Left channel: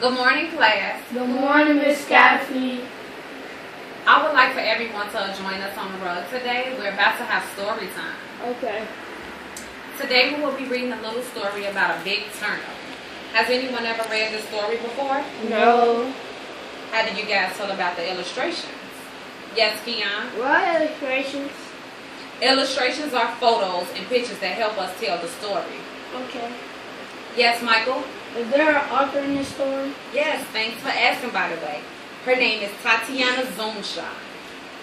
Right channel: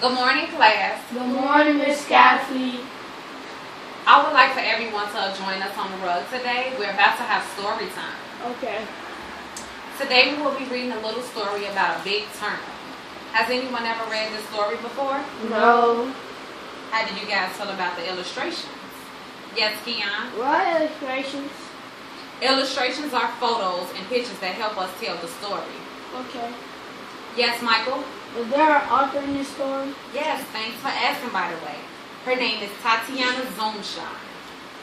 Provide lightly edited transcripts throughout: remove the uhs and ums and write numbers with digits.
Good morning, class. Good morning, Miss Skafi. I would like for everyone to join us on the rug today. We're about to have story time. Okay. Today we will be reading a little story about a big turnip. Has anyone ever read this story before? No. How do you guys feel about the illustrations? Yes, Keon? What illustrations? Illustrations are photos and pictures that help us tell the story. Okay. Yes, Michael? Is there an author in your story? Yes, thanks for asking, by the way. Her name is Dianna.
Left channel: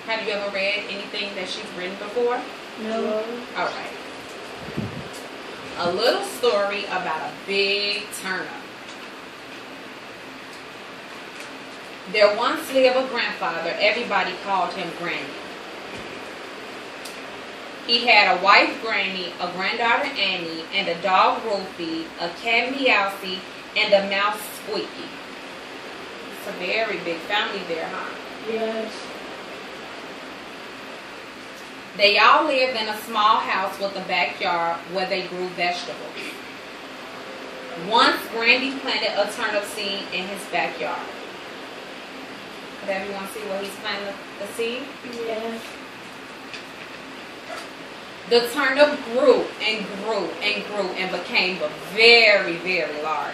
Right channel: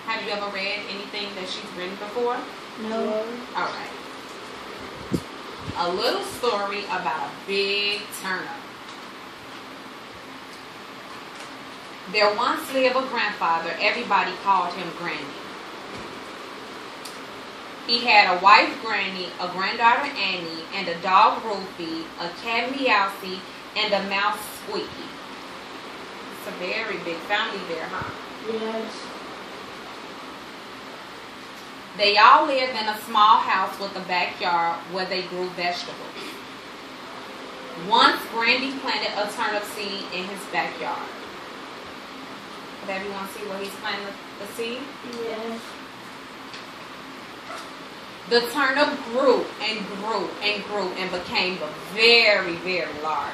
Have you ever read anything that she's written before? No. All right. A little story about a big turnip. There once lived a grandfather. Everybody called him Granny. He had a wife, Granny, a granddaughter, Annie, and a dog, Ruthie, a cat, Meowsy, and a mouse, Squeaky. It's a very big family there, huh? Yes. They all lived in a small house with a backyard where they grew vegetables. Once, Granny planted a turnip seed in his backyard. Did everyone see where he's planting the seed? Yes. The turnip grew and grew and grew and became very, very large.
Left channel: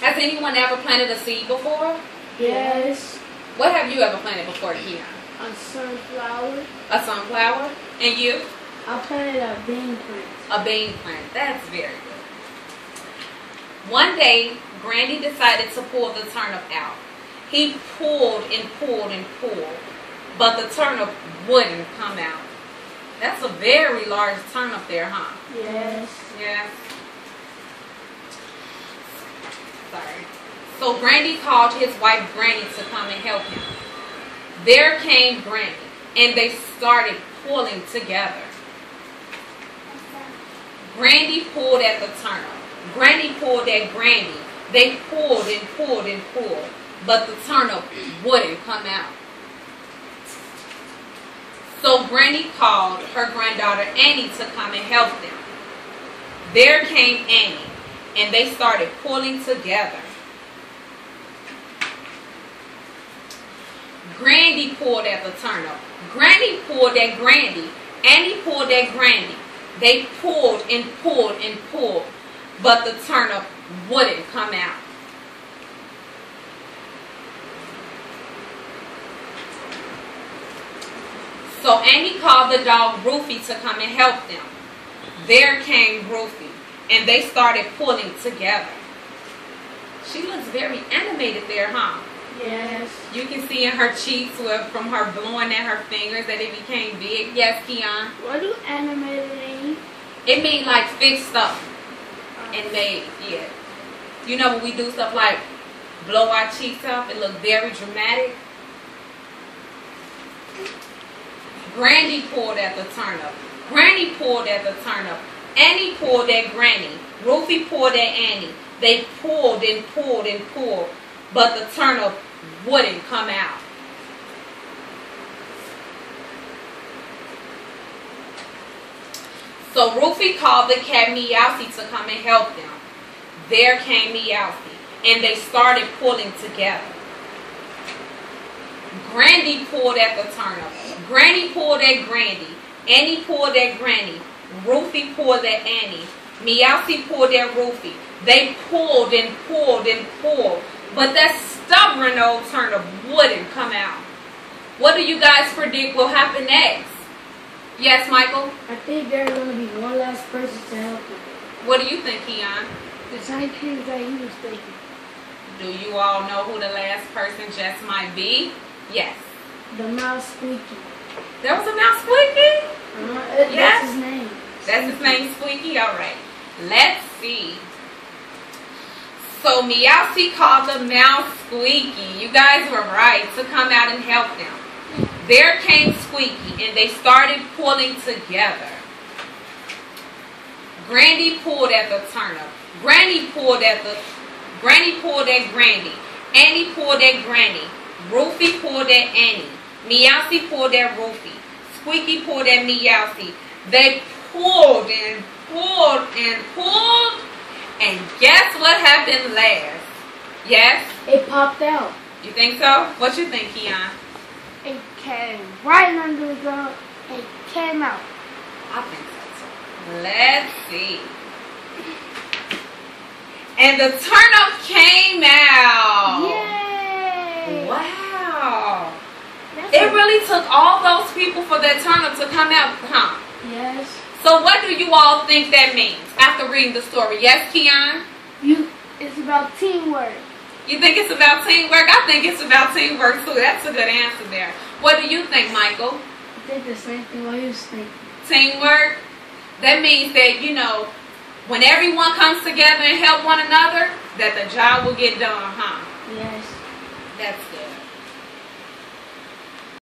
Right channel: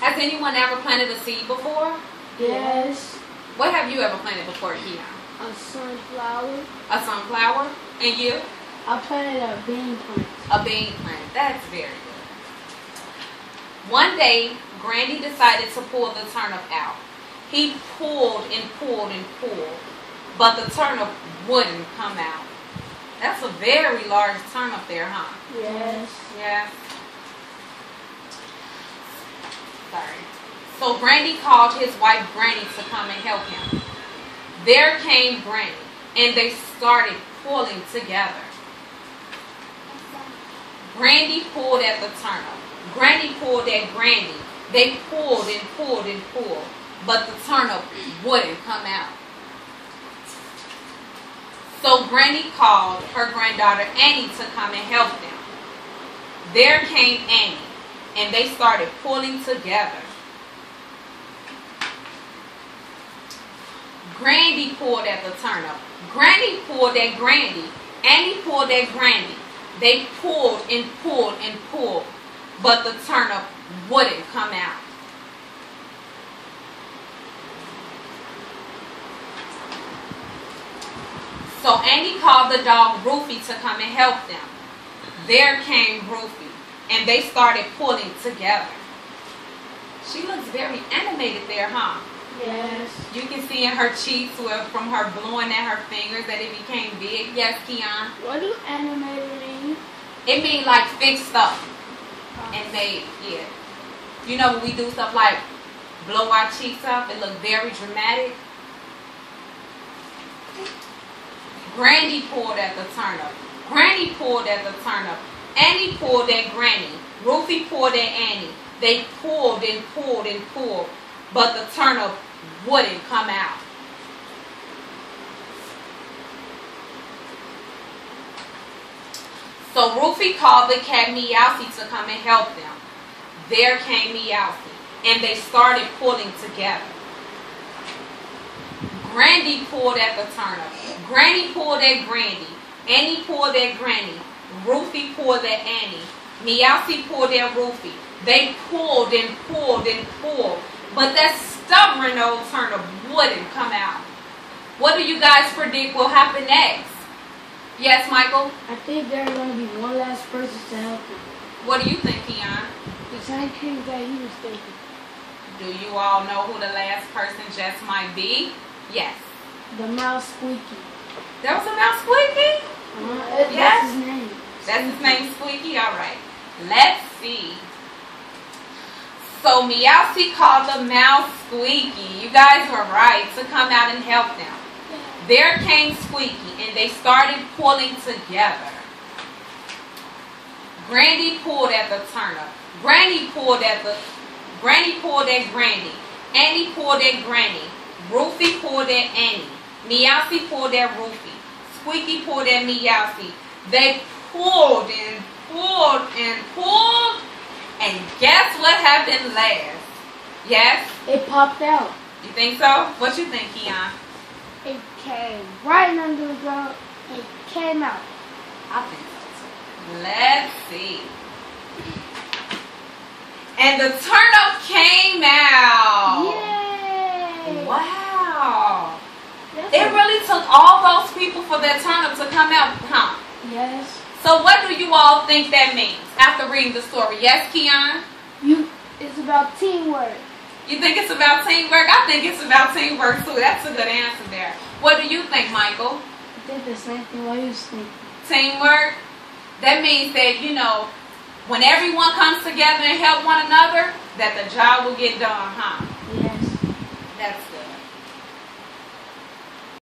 Has anyone ever planted a seed before? Yes. What have you ever planted before, Keon? A sunflower. A sunflower? And you? I planted a bean plant. A bean plant. That's very good. One day, Granny decided to pull the turnip out. He pulled and pulled and pulled, but the turnip wouldn't come out. That's a very large turnip there, huh? Yes. Yes. Sorry. So Granny called his wife Granny to come and help him. There came Granny, and they started pulling together. Granny pulled at the turnip. Granny pulled at Granny. They pulled and pulled and pulled, but the turnip wouldn't come out. So Granny called her granddaughter Annie to come and help them. There came Annie, and they started pulling together. Granny pulled at the turnip. Granny pulled at Granny. Annie pulled at Granny. They pulled and pulled and pulled, but the turnip wouldn't come out. So Annie called the dog Ruthie to come and help them. There came Ruthie, and they started pulling together. She looks very animated there, huh? Yes. You can see in her cheeks from her blowing at her fingers that it became big. Yes, Keon? What do animated mean? It means like fixed up and made, yeah. You know when we do stuff like blow our cheeks up, it looks very dramatic. Granny pulled at the turnip. Granny pulled at the turnip. Annie pulled at Granny. Ruthie pulled at Annie. They pulled and pulled and pulled, but the turnip wouldn't come out. So Ruthie called the cat Meowsy to come and help them. There came Meowsy, and they started pulling together. Granny pulled at the turnip. Granny pulled at Granny. Annie pulled at Granny. Ruthie pulled at Annie. Meowsy pulled at Ruthie. They pulled and pulled and pulled, but that stubborn old turnip wouldn't come out. What do you guys predict will happen next? Yes, Michael? I think there's going to be one last person to help him. What do you think, Keon? The same thing that he was thinking. Do you all know who the last person just might be? Yes. The mouse Squeaky. There was a mouse, Squeaky? That's Yes. his name. That's his name, Squeaky? All right. Let's see. So Meowsy called the mouse Squeaky. You guys were right to come out and help them. There came Squeaky, and they started pulling together. Granny pulled at the turnip. Granny pulled at Granny. Annie pulled at Granny. Ruthie pulled at Annie. Meowsy pulled at Ruthie. Squeaky pulled at Meowsy. They pulled and pulled and pulled. And guess what happened last? Yes? It popped out. You think so? What you think, Keon? It came right under the ground. It came out. I think so too. Let's see. And the turnip came out. Yay! Wow. That's It really took all those people for that turnip to come out, huh? Yes. So what do you all think that means after reading the story? Yes, Keon? It's about teamwork. You think it's about teamwork? I think it's about teamwork too. That's a good answer there. What do you think, Michael? I think the same thing what he was thinking. Teamwork? That means that, you know, when everyone comes together and help one another, that the job will get done, huh? Yes. That's good.